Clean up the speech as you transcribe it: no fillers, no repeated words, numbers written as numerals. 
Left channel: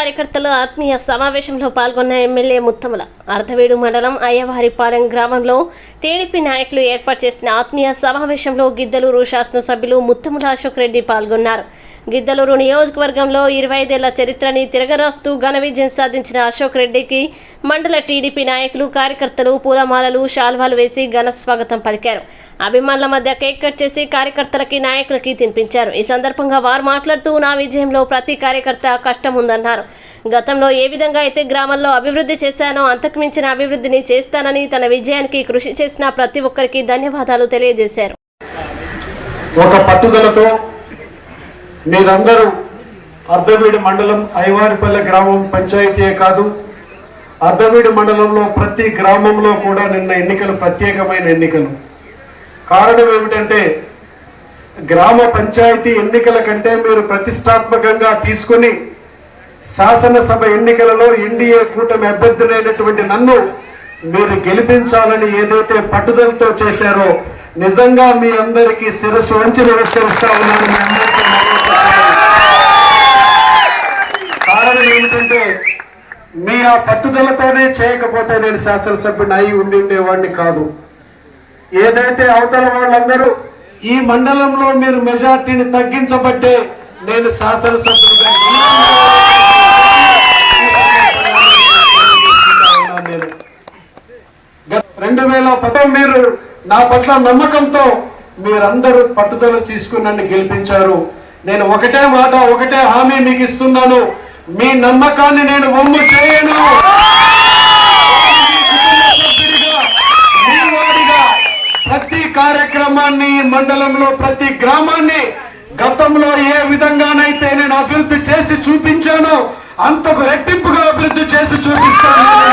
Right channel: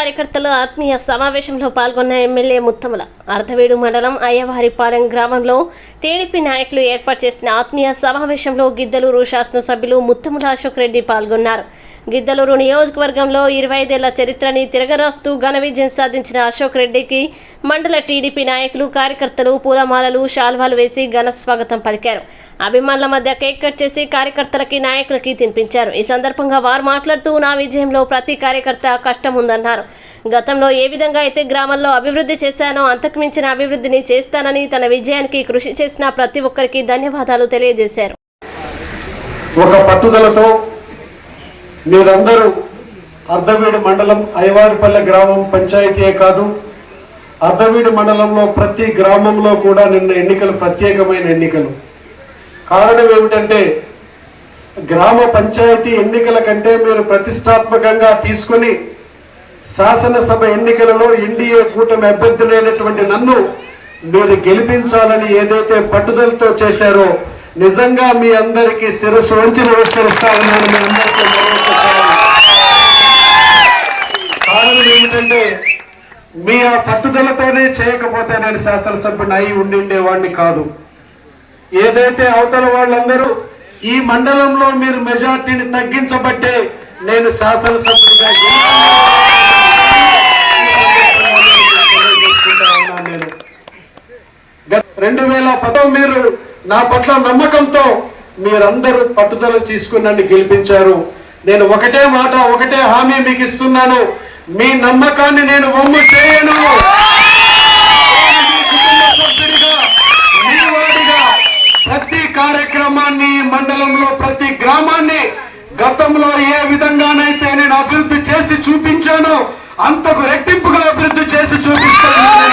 కార్యకర్తల ఆత్మీయ సమావేశంలో పాల్గొన్న ఎమ్మెల్యే ముత్తముల అర్ధవీడు మండలం అయ్యవారిపాలెం గ్రామంలో టీడీపీ నాయకులు ఏర్పాటు చేసిన ఆత్మీయ సమావేశంలో గిద్దలూరు శాసనసభ్యులు ముత్తముల అశోక్ రెడ్డి పాల్గొన్నారు. గిద్దలూరు నియోజకవర్గంలో 25 ఏళ్ల చరిత్రని తిరగరాస్తూ ఘన విజయం సాధించిన అశోక్ రెడ్డికి మండల టీడీపీ నాయకులు కార్యకర్తలు పూలమాలలు శాల్వాలు వేసి ఘన స్వాగతం పలికారు. అభిమానుల మధ్య కేక్ కట్ చేసి కార్యకర్తలకి నాయకులకి తినిపించారు. ఈ సందర్భంగా వారు మాట్లాడుతూ నా విజయంలో ప్రతి కార్యకర్త కష్టం ఉందన్నారు. గతంలో ఏ విధంగా అయితే గ్రామంలో అభివృద్ధి చేశానో అంతకు మించిన అభివృద్ధిని చేస్తానని తన విజయానికి కృషి చేసిన ప్రతి ఒక్కరికి ధన్యవాదాలు తెలియజేశారు. ఒక పట్టుదలతో మీరందరూ అర్ధవీడు మండలం అయ్యవారిపల్లె గ్రామం పంచాయతీయే కాదు, అర్ధవీడు మండలంలో ప్రతి గ్రామంలో కూడా నిన్న ఎన్నికలు ప్రత్యేకమైన ఎన్నికలు. కారణం ఏమిటంటే గ్రామ పంచాయతీ ఎన్నికల కంటే మీరు ప్రతిష్టాత్మకంగా తీసుకుని శాసనసభ ఎన్నికలలో ఎన్డీఏ కూటమి అభ్యర్థులైనటువంటి నన్ను మీరు గెలిపించాలని ఏదైతే పట్టుదలతో చేశారో నిజంగా మీ అందరికీ శిరస్సు వంచి నమస్కరిస్తా ఉన్నాను. మీ అందరికీ కారణం ఏమిటంటే మీ ఆ పట్టుదలతోనే చేయకపోతే నేను శాసనసభ్యుని అయి ఉండిండేవాడిని కాదు. ఏదైతే అవతల వాళ్ళందరూ ఈ మండలంలో మీరు మెజార్టీని తగ్గించబట్టే నేను శాసనసభ్యుడిగా 2010 మీరు నా పట్ల నమ్మకంతో మీరందరూ పట్టుదల తీసుకుని నన్ను గెలిపించారు. నేను ఒకటే మాట ఒకటే హామీ మీకు ఇస్తున్నాను, మీ నమ్మకాన్ని నేను వమ్ము చేయను. మీ వాడిగా ప్రతి కార్యక్రమాన్ని మండలంలో ప్రతి గ్రామాన్ని గతంలో ఏ విధంగానైతే నేను అభివృద్ధి చేసి చూపించానో అంతకు రెట్టింపుగా అభివృద్ధి చేసి చూపిస్తాను.